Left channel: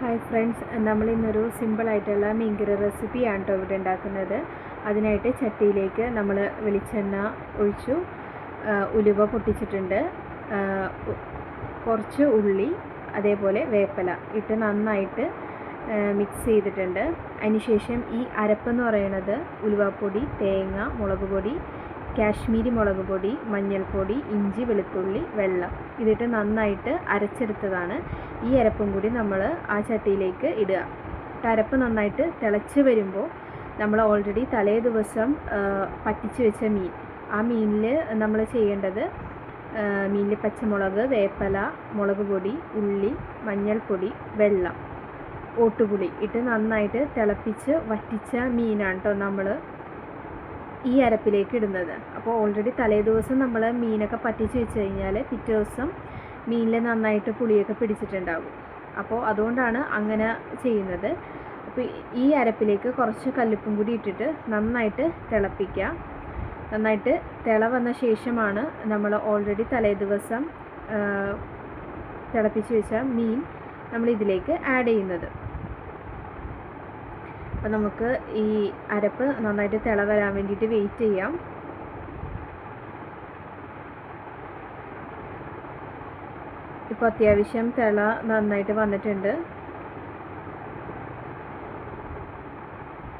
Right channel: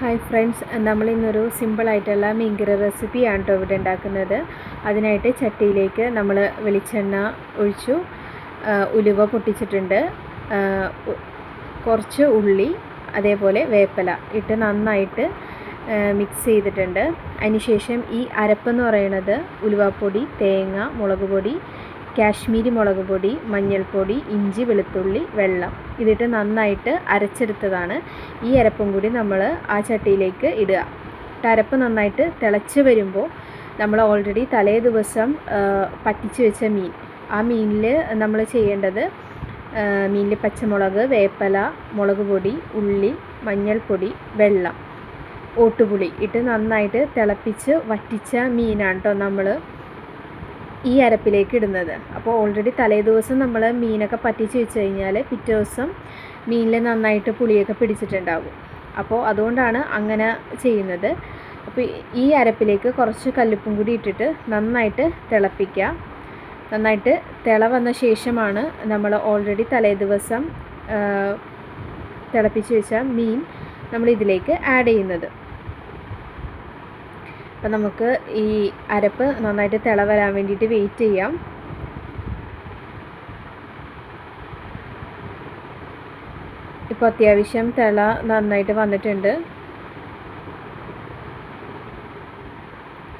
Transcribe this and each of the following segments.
Hi friends, നമ്മളിന്നൊരു സിമ്പിളായിട്ടുള്ള മീൻകറി റെസിപ്പിയാണ് കേട്ടോ ഇവിടെ ഉണ്ടാക്കുന്നത്. അതിനായിട്ട് ചട്ടിയിലേക്ക് നമ്മൾ വെളിച്ചെണ്ണ ഒഴിച്ചു, ഉലുവ പൊട്ടിച്ചിട്ടുണ്ട്, കുറച്ച് ഉള്ളി, അതേപോലെ വേപ്പില ഇട്ട് നന്നായിട്ട് മിക്സ് ചെയ്തിട്ടുണ്ട്. അതിനുശേഷം ഈ അരപ്പെന്ന് പറയുന്നത് ഉലുവപ്പൊടി, തേങ്ങ, മുളക് പൊടി, കാശ്മീരി മുളക് പൊടി, മഞ്ഞൾപ്പൊടി, ഇഞ്ചി, വെളുത്തുള്ളി, വെള്ളം ഇതിട്ട് നന്നായിട്ട് അരച്ചെടുത്തതാണ്. ഈ അരപ്പും കൂടി നമ്മൾ ആ ചട്ടിയിലേക്ക് ഇടുക. അരപ്പ് നന്നായിട്ട് തിളച്ച് വരുമ്പോൾ നമ്മൾ ഓൾറെഡി തലേ ദിവസം പറ്റിച്ച് വെച്ച മീൻ, ആ മീനിൽ നമ്മൾ ചെയ്യേണ്ടത് മീനിൽ പച്ചമുളക്, വേപ്പില, മുളക് പൊടി, ഉള്ളി, മഞ്ഞൾപ്പൊടി, വെള്ളം, ഓട്ടുപുളി ഇട്ട് നന്നായിട്ട് തിളപ്പിച്ച് വറ്റിച്ച മീനാണ് കേട്ടോ നമ്മൾ ഈ അരപ്പിലേക്ക് ഇടുന്നത്. അപ്പോൾ ഓൾറെഡി തലേ ദിവസം നമ്മൾ മീനൊക്കെ പറ്റിച്ച് വെച്ച് കഴിഞ്ഞാൽ പിറ്റേ ദിവസം മീനിൽ നന്നായിട്ട് പുളിയൊക്കെ പിടിച്ചിട്ടുണ്ടാകും. അപ്പോൾ അതുകൊണ്ടാണ് അങ്ങനെ ചെയ്യുന്നത്. അപ്പോൾ ഈ അരപ്പിലേക്ക് കുറച്ച് കല്ലുപ്പും കൂടി ഇട്ടിട്ട് നന്നായിട്ട് തിളപ്പിക്കുക. നന്നായിട്ട് തിള വന്ന ശേഷമാണ് നമ്മൾ ഓൾറെഡി തലേ ദിവസം തിളപ്പിച്ച് വെച്ച മീൻ നമ്മൾ ഇതിലേക്ക് ആഡ് ചെയ്യുന്നത്. അപ്പം നമുക്ക് ഈ അരപ്പ് നന്നായിട്ട് തിള വരാൻ വേണ്ടിയിട്ട് വെയിറ്റ് ചെയ്യാം. ഇപ്പോൾ അത്യാവശ്യം തിള നന്നായിട്ട് വന്നിട്ടുണ്ട്.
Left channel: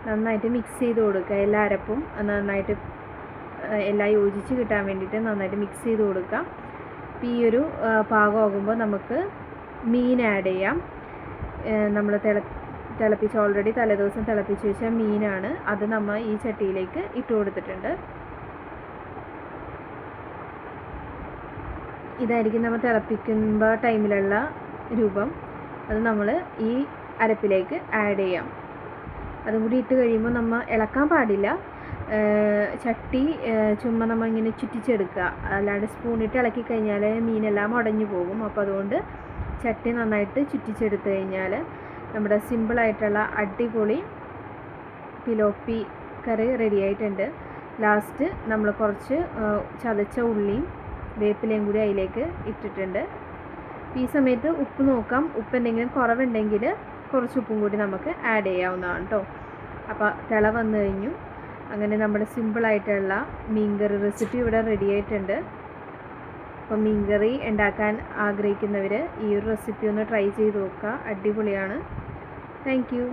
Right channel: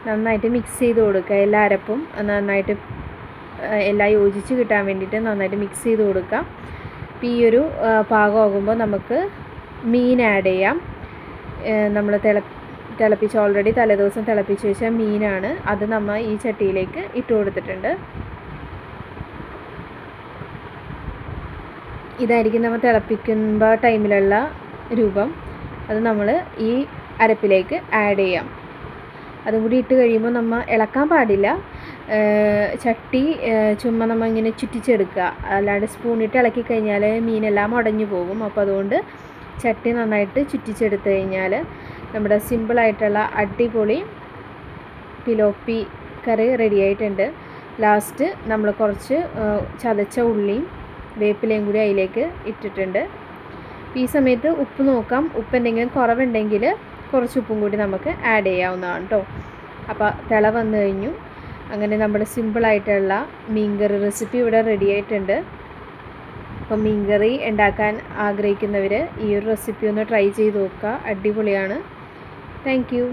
നന്നായിട്ട് മിക്സ് ചെയ്ത് കൊടുക്കുക. എല്ലാ അരപ്പും നന്നായിട്ട് എല്ലാം യോജിച്ച് കിട്ടാൻ വേണ്ടിയിട്ട് നന്നായിട്ട് മിക്സ് ചെയ്ത് കൊടുക്കുക. അപ്പോൾ ഈ ഒരു പാകമാകുമ്പോൾ നമുക്ക് മീൻ ആഡ് ചെയ്യാം. നമ്മൾ തിളപ്പിച്ച് ഓൾറെഡി തലേദിവസം തിളപ്പിച്ച് വെച്ച മീനാണ്. അത് നമ്മൾ ഈ ചട്ടിയിലേക്ക് ഇട്ട് കൊടുത്തിട്ടുണ്ട്. ഇതായിരിക്കും നമ്മൾ തിളപ്പിക്കുമ്പോൾ ടൈമിലുള്ള രൂപം. അത് നമ്മൾ ഈ അരപ്പിലേക്ക് ആഡ് ചെയ്യാം. അതും കൂടി ഇട്ട് കഴിയുമ്പോൾ നമ്മൾ ഇളക്കാൻ പാടില്ല. ചട്ടി ചുമ്മാ നമ്മൾ ഇങ്ങനെ ചുറ്റിച്ചെടുക്കുക. അല്ലാണ്ട് സ്പൂണിട്ട് ഇളക്കി കഴിഞ്ഞാൽ മീനെല്ലാം ഉടഞ്ഞു പോകും. അപ്പോൾ അതുകൊണ്ട് ചട്ടി നന്നായിട്ട് ചുറ്റിച്ചെടുത്ത് കഴിഞ്ഞാൽ നമ്മുടെ സിമ്പിളായിട്ടുള്ള അടിപൊളി പിലോപ്പി കറി റെഡി ആയിട്ടുണ്ട്. ലാസ്റ്റ് നമ്മൾ കുറച്ച് ചതച്ച ഉള്ളിയും വേപ്പിലയും കൂടി അതിലേക്ക് ഇട്ടിട്ടുണ്ട്. ഈ സമയത്ത് ഉപ്പ് നോക്കാം. ഉപ്പ് എന്തെങ്കിലും കുറവുണ്ടെങ്കിൽ കുറച്ച് ഉപ്പും കൂടി നമുക്ക് ആഡ് ചെയ്യാവുന്നതാണ് കേട്ടോ. അപ്പോൾ തിള വന്നു കഴിഞ്ഞു. അങ്ങനെ നമ്മുടെ സിമ്പിളായിട്ടുള്ള മീൻകറി റെസിപ്പി ഇവിടെ റെഡി ആയിട്ടുണ്ട്. അപ്പോൾ മീൻകറി ഉണ്ടാക്കാൻ ആഗ്രഹിക്കുന്നവർ ഈ ഒരു റെസിപ്പി ഒന്ന് ട്രൈ ചെയ്ത് നോക്കുക. അടിപൊളിയാണ്. Thank you.